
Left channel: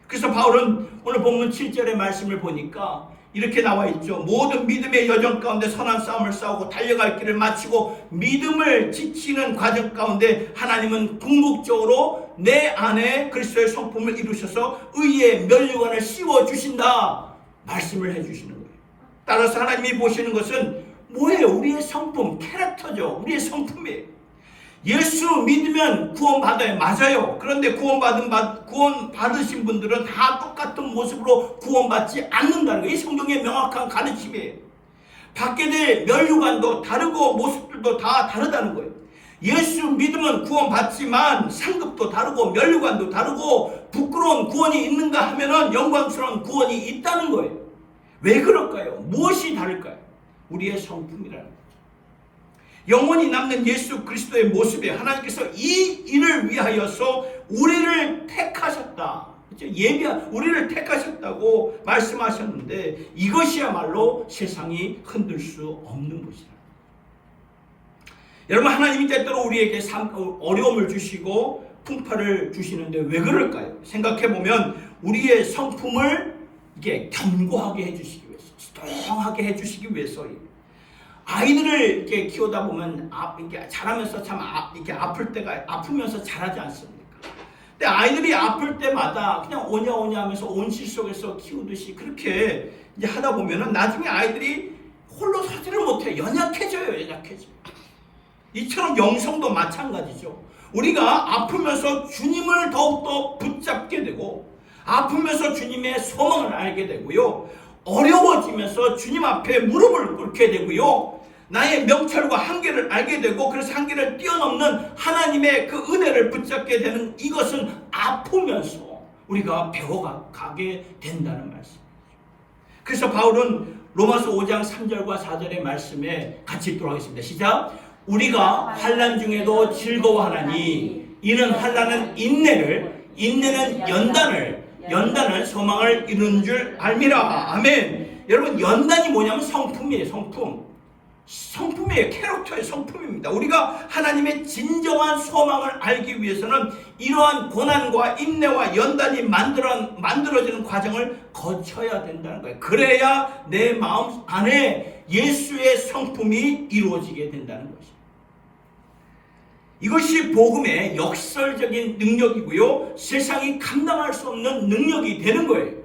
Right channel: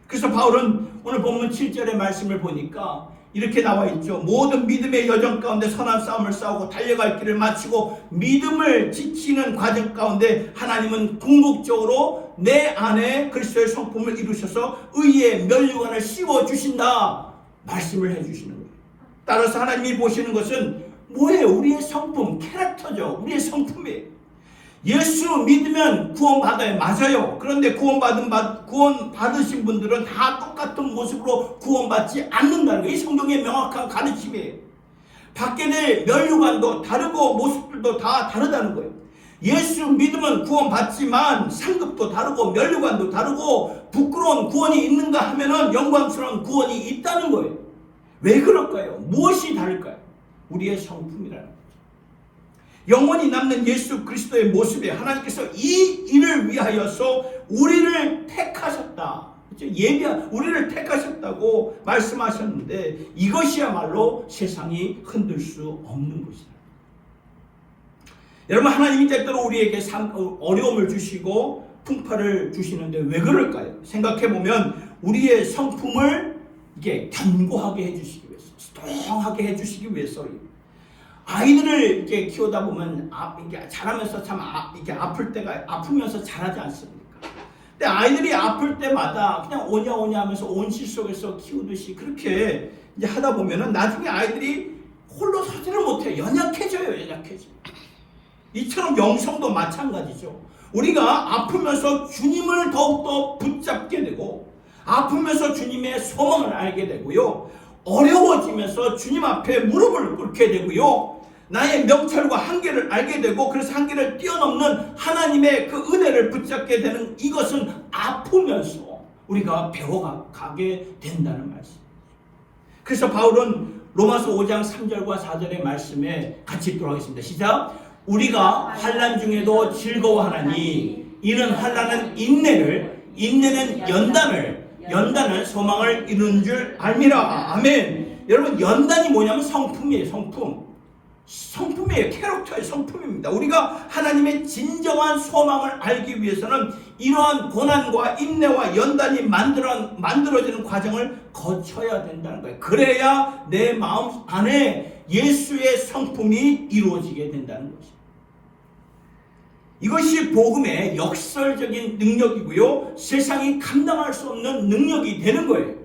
그래서 바울은 오늘 본문 7절의 말씀을 보니까 이렇게 나와 있죠. 모든 믿음의 여정 가운데 선한 싸움을 싸우고 달려갈 길을 마치고 믿음을 지키는 과정 가운데 하나님은 궁극적으로 내 안에 그리스도의 성품을 이루셔서 의의 면류관을 씌워주신다 말씀을 해주시는 거예요. 따라서 하나님이 보시는 것은 뭐예요? 우리의 성품, 캐릭터죠. 우리의 성품이에요. 예수 믿으면 구원받아요. 맞아요. 그런데 구원받으신 분들은 다 똑같은 모습으로 구원받지 않는다는 거예요. 이 성경의 명확한 가르침이에요. 받게 될 면류관도 다르고 모습들도 다 다르다는 거예요. 예수 믿으면 구원받지만 상급도 다르고 면류관도 다르고 부끄러운 구원이 있는가 하면은 영광스러운 구원이 있다는 거예요. 왜 그럴까요? 무엇이 다를까요? 우리의 성품이라는 거예요. 영원히 남는 예수 그리스도의 모습에 하나님께서 이 일을 위하여서 우리를 택하셨다. 우리를 택하셨다고 말씀하셨는데 이것이야말로 세상이 흔들 수 없는 것이다. 여러분, 하나님이 때때로 우리에게 어려움을 주시고 풍파를 주시는데 왜 그럴까요? 생각해보면 우리의 성품을 이게 견고하게 해주시기 위해서, 스통하게 해주시기 위해서예요. 아이들을 이렇게 키우다 보면 이렇게 자라면서 참 이렇게 아프면서 자라지 않습니까? 근데 아이들이 아플 때마다 그냥 오냐 하면서 온실 속에서 키우듯이 그렇게 이제 하다 보면은 나중에 아이들이 홀로 서지를 못해. 연약해져요. 이처럼 영성도 마찬가지죠. 우리가 아프면서 주님을 더욱더 붙잡게 되고 아프면서 주님의 소망을 알게 되고요. 어려워지면서 주님 앞에 무릎을 꿇게 되고요. 나의 명철과 한계를 알게 되고 그래서 한계를 뛰어넘는 하나님의 그 은혜를 붙잡게 되는 이것은 아프면서 우리가 배워가게 된다는 말씀이죠. 그래서 바울은 로마서 5장 3절과 4절의 말씀에 같이 읽도록 하겠습니다. 시작. 우리가 환난 중에도 즐거워하나니 이는 환난은 인내를, 인내는 연단은 소망을 이루는 줄 알미라. 아멘. 여러분, 연단이 뭐냐면 성품이에요. 성품이에요. 캐릭터의 성품입니다. 우리가 하나님의 진정한 소망을 알기 위해서는 이러한 고난과 인내와 연단이 만들어지는 과정을 거쳐야 된다는 거예요. 그래야 내 마음 안에 예수의 성품이 이루어지게 된다는 것이죠. 이것이 복음의 역설적인 능력이고요. 세상이 감당할 수 없는 능력이 되는 거예요.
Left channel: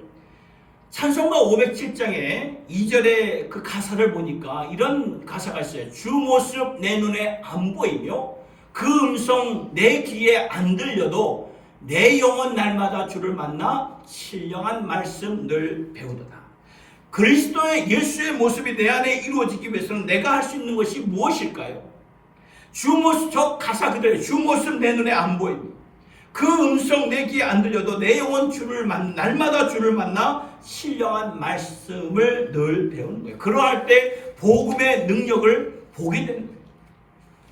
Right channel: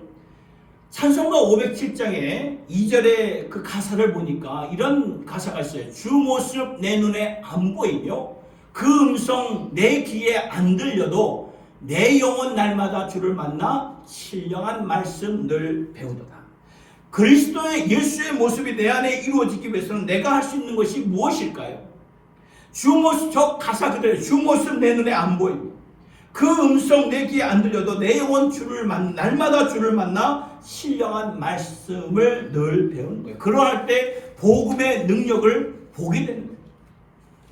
찬송가 507장에 2절의 그 가사를 보니까 이런 가사가 있어요. 주 모습 내 눈에 안 보이며 그 음성 내 귀에 안 들려도 내 영혼 날마다 주를 만나 신령한 말씀 늘 배우도다. 그리스도의 예수의 모습이 내 안에 이루어지기 위해서는 내가 할 수 있는 것이 무엇일까요? 주 모습, 저 가사 그대로 주 모습 내 눈에 안 보이고 그 음성 내 귀에 안 들려도 내 영혼 날마다 주를 만나 신령한 말씀을 늘 배우는 거예요. 그러할 때 복음의 능력을 보게 되는 거예요.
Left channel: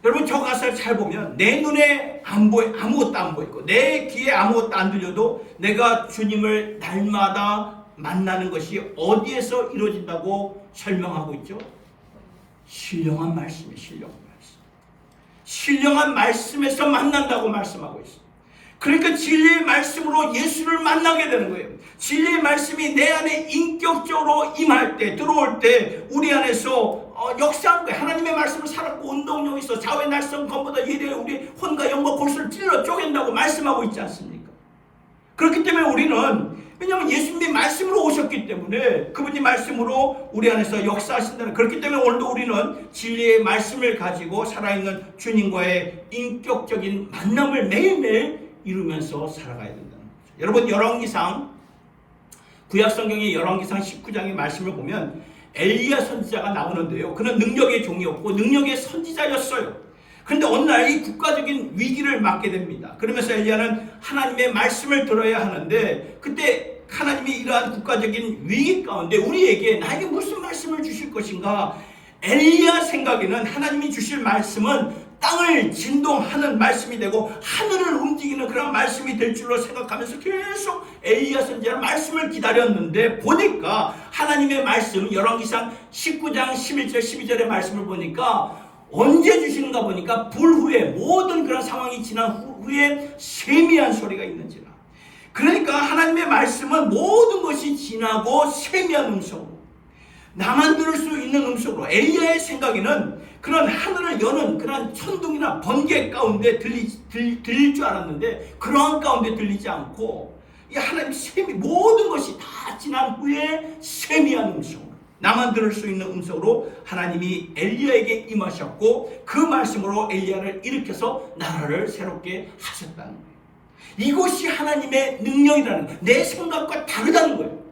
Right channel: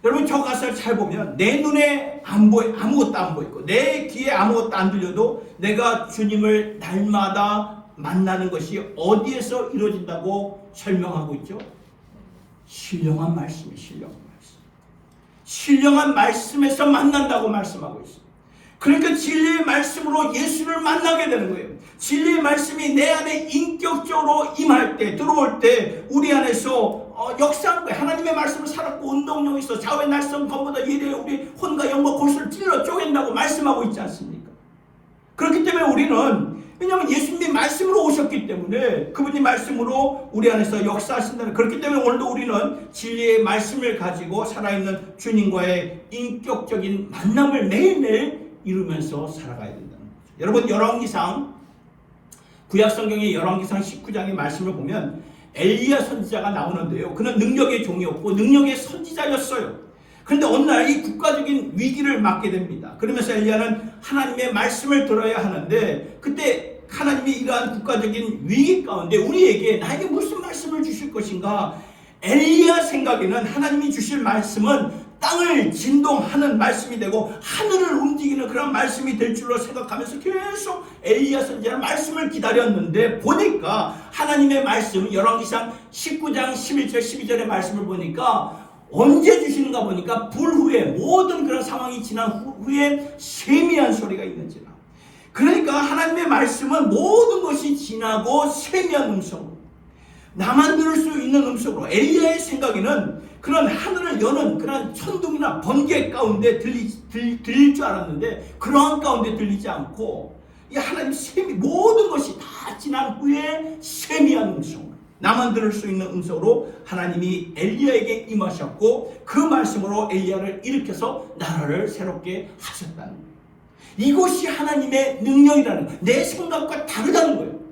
여러분 저 가사를 잘 보면 내 눈에 아무것도 안 보이고 내 귀에 아무것도 안 들려도 내가 주님을 날마다 만나는 것이 어디에서 이루어진다고 설명하고 있죠? 신령한 말씀이에요. 신령한 말씀. 신령한 말씀에서 만난다고 말씀하고 있어요. 그러니까 진리의 말씀으로 예수를 만나게 되는 거예요. 진리의 말씀이 내 안에 인격적으로 임할 때, 들어올 때 우리 안에서 역사한 거예요. 하나님의 말씀을 살았고 운동력이 있어 좌우의 날선 검보다 예리해 우리 혼과 영과 골수를 찔러 쪼갠다고 말씀하고 있지 않습니까? 그렇기 때문에 우리는 왜냐하면 예수님이 말씀으로 오셨기 때문에 그분이 말씀으로 우리 안에서 역사하신다는 그렇기 때문에 오늘도 우리는 진리의 말씀을 가지고 살아있는 주님과의 인격적인 만남을 매일매일 이루면서 살아가야 된다는 거죠. 여러분 열왕기상 구약성경의 열왕기상 19장의 말씀을 보면 엘리야 선지자가 나오는데요. 그는 능력의 종이었고 능력의 선지자였어요. 그런데 어느 날 이 국가적인 위기를 맞게 됩니다. 그러면서 엘리야는 하나님의 말씀을 들어야 하는데 그때 하나님이 이러한 국가적인 위기 가운데 우리에게 나에게 무슨 말씀을 주실 것인가? 엘리야 생각에는 하나님이 주실 말씀은 땅을 진동하는 말씀이 되고 하늘을 움직이는 그런 말씀이 될 줄로 생각하면서 계속 엘리야 선지자의 말씀을 기다렸는데 보니까 하나님의 말씀 열왕기상 19장 11절 12절의 말씀을 보니까 언제 주시는가 보니까 불 후에 모든 그런 상황이 지난 후에 세미한 소리가 있는지라. 그러니까 하나님의 말씀은 모든 것이 지나고 세미한 음성으로 나만 들을 수 있는 음성으로 엘리야의 생각에는 그런 하늘을 여는 그런 천둥이나 번개 가운데 들릴 줄 알았는데 그러한 가운데 들리지 않고 이 하나님 모든 것이 다 지난 후에 세미한 음성으로 나만 들을 수 있는 음성으로 하나님이 엘리야에게 임하셨고 그 말씀으로 엘리야를 일으켜서 나라를 새롭게 하셨다는 거예요. 이것이 하나님의 능력이라는 거예요. 내 생각과 다르다는 거예요.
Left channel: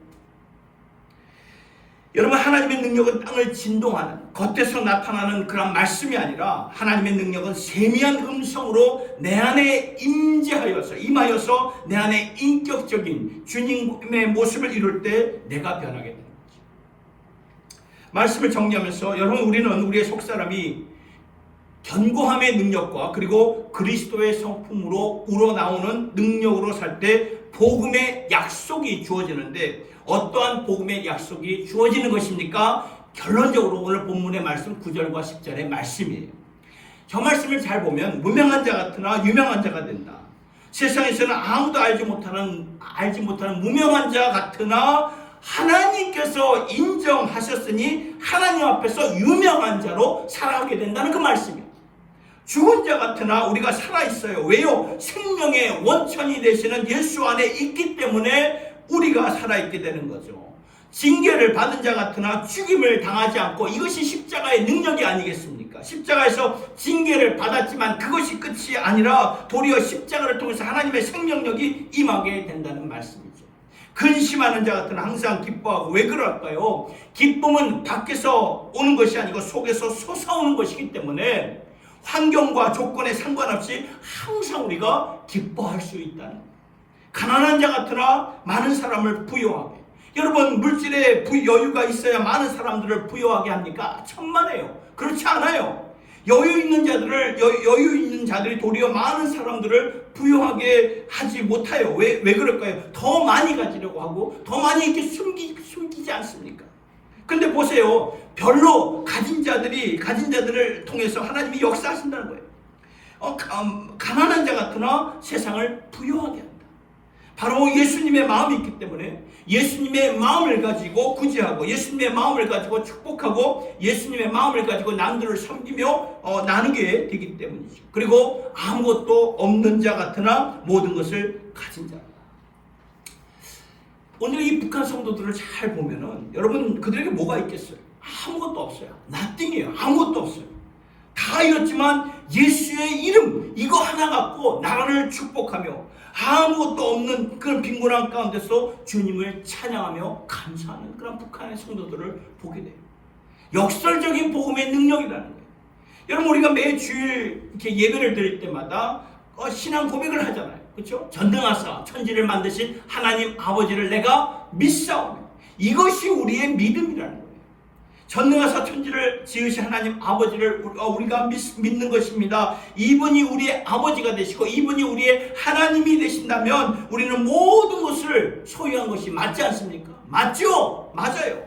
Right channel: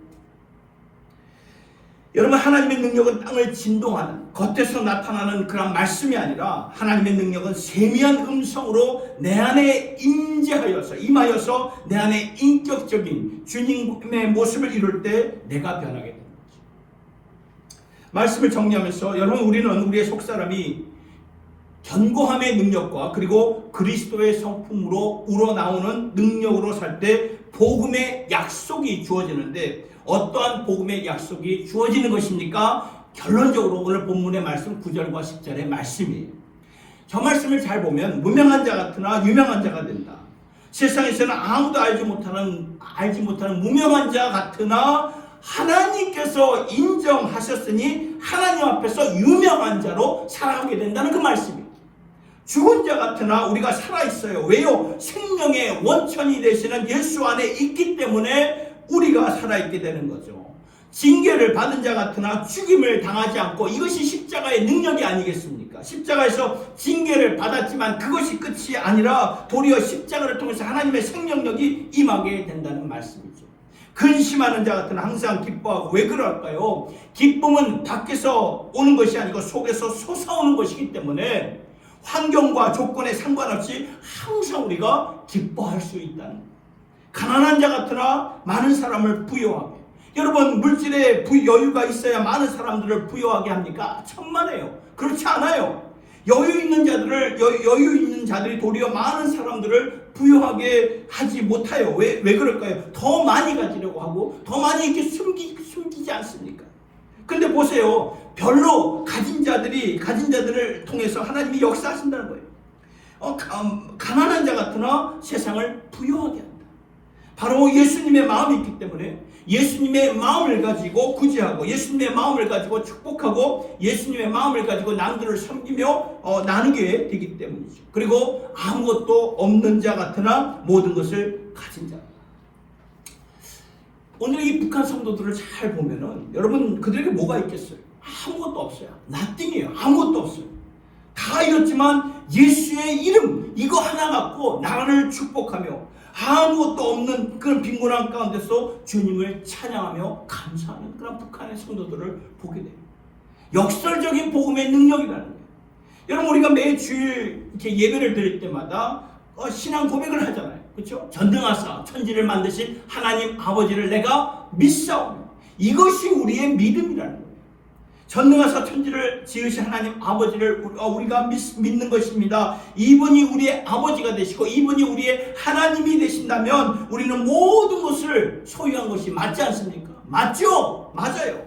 여러분 하나님의 능력은 땅을 진동하는 겉에서 나타나는 그런 말씀이 아니라 하나님의 능력은 세미한 음성으로 내 안에 임하여서 내 안에 인격적인 주님의 모습을 이룰 때 내가 변하게 됩니다. 말씀을 정리하면서 여러분 우리는 우리의 속사람이 견고함의 능력과 그리고 그리스도의 성품으로 우러나오는 능력으로 살 때 복음의 약속이 주어지는데 어떠한 복음의 약속이 주어지는 것입니까? 결론적으로 오늘 본문의 말씀 9절과 10절의 말씀이에요. 저 말씀을 잘 보면 무명한 자 같으나 유명한 자가 된다. 세상에서는 아무도 알지 못하는 무명한 자 같으나 하나님께서 인정하셨으니 하나님 앞에서 유명한 자로 살아가게 된다는 그 말씀이에요. 죽은 자 같으나 우리가 살아있어요. 왜요? 생명의 원천이 되시는 예수 안에 있기 때문에 우리가 살아있게 되는 거죠. 징계를 받은 자 같으나 죽임을 당하지 않고 이것이 십자가의 능력이 아니겠습니까? 십자가에서 징계를 받았지만 그것이 끝이 아니라 도리어 십자가를 통해서 하나님의 생명력이 임하게 된다는 말씀이죠. 근심하는 자 같은 항상 기뻐하고 왜 그럴까요? 기쁨은 밖에서 오는 것이 아니고 속에서 솟아오는 것이기 때문에 환경과 조건에 상관없이 항상 우리가 기뻐할 수 있다는 거예요. 가난한 자 같으나 많은 사람을 부유하게. 여러분 물질에 여유가 있어야 많은 사람들을 부유하게 합니까? 천만에요. 그렇지 않아요. 여유 있는 자들이 도리어 많은 사람들을 부유하게 하지 못해요. 왜 그럴까요? 더 많이 가지려고 하고 더 많이 이렇게 숨기지 않습니까? 근데 보세요. 별로 가진 자들을 통해서 하나님이 역사하신다는 거예요. 가난한 자 같으나 세상을 부유하게 한다. 바로 예수님의 마음이 있기 때문에 예수님의 마음을 가지고 구제하고 예수님의 마음을 가지고 축복하고 예수님의 마음을 가지고 남들을 섬기며 나누게 되기 때문이죠. 그리고 아무것도 없는 자 같으나 모든 것을 가진 자. 오늘 이 북한 성도들을 잘 보면은 여러분 그들에게 뭐가 있겠어요? 아무것도 없어요. nothing이에요. 아무것도 없어요. 다 잃었지만 예수의 이름 이거 하나 갖고 나라를 축복하며 아무것도 없는 그런 빈곤한 가운데서 주님을 찬양하며 감사하는 그런 북한의 성도들을 보게 돼요. 역설적인 복음의 능력이라는 거예요. 여러분, 우리가 매 주일 이렇게 예배를 드릴 때마다 신앙 고백을 하잖아요. 그렇죠? 전능하사 천지를 만드신 하나님 아버지를 내가 믿사오며, 이것이 우리의 믿음이라는 거예요. 전능하사 천지를 지으신 하나님 아버지를 우리가 믿는 것입니다. 이분이 우리의 아버지가 되시고 이분이 우리의 하나님이 되신다면 우리는 모든 것을 소유한 것이 맞지 않습니까? 맞죠? 맞아요.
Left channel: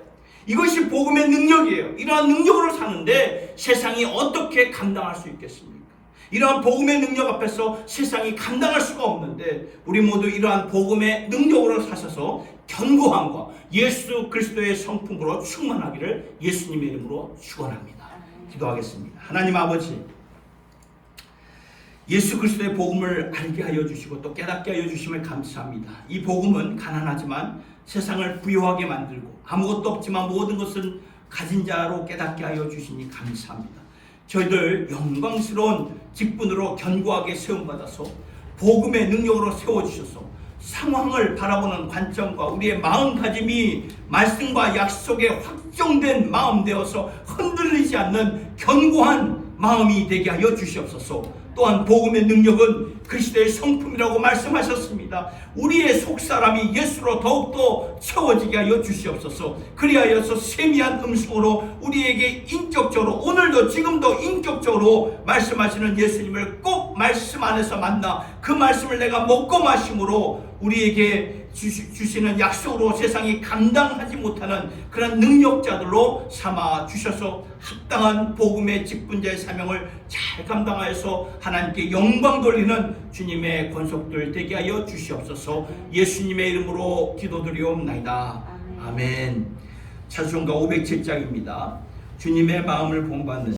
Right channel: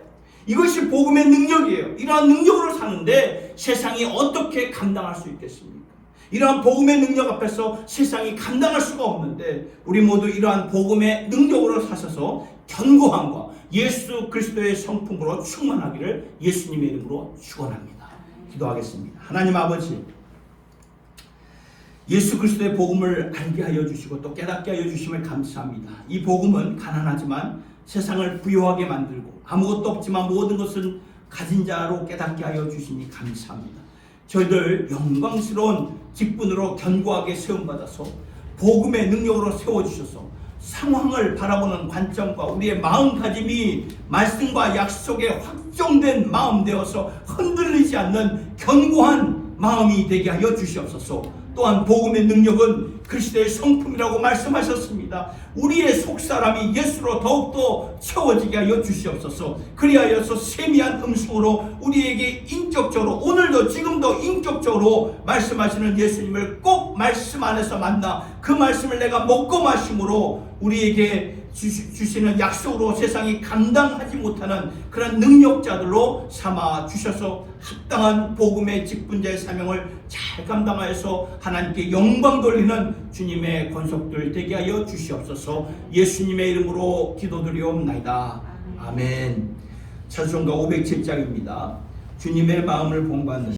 이것이 복음의 능력이에요. 이러한 능력으로 사는데 세상이 어떻게 감당할 수 있겠습니까? 이러한 복음의 능력 앞에서 세상이 감당할 수가 없는데, 우리 모두 이러한 복음의 능력으로 사셔서 견고함과 예수 그리스도의 성품으로 충만하기를 예수님의 이름으로 축원합니다. 기도하겠습니다. 하나님 아버지, 예수 그리스도의 복음을 알게 하여 주시고 또 깨닫게 하여 주심을 감사합니다. 이 복음은 가난하지만 세상을 부유하게 만들고 아무것도 없지만 모든 것은 가진 자로 깨닫게 하여 주시니 감사합니다. 저희들 영광스러운 직분으로 견고하게 세움받아서 복음의 능력으로 세워주셔서 상황을 바라보는 관점과 우리의 마음가짐이 말씀과 약속에 확정된 마음 되어서 흔들리지 않는 견고한 마음이 되게 하여 주시옵소서. 또한 복음의 능력은 그리스도의 성품이라고 말씀하셨습니다. 우리의 속사람이 예수로 더욱더 채워지게 하여 주시옵소서. 그리하여서 세미한 음성으로 우리에게 인격적으로, 오늘도 지금도 인격적으로 말씀하시는 예수님을 꼭 말씀 안에서 만나 그 말씀을 내가 먹고 마심으로 우리에게 주시는 약속으로 세상이 감당하지 못하는 그런 능력자들로 삼아 주셔서 합당한 복음의 직분자의 사명을 잘 감당하여서 하나님께 영광 돌리는 주님의 권속들 되게 하여 주시옵소서. 예수님의 이름으로 기도드리옵나이다. 아멘. 찬송가 507장입니다. 주님의 마음을 본받는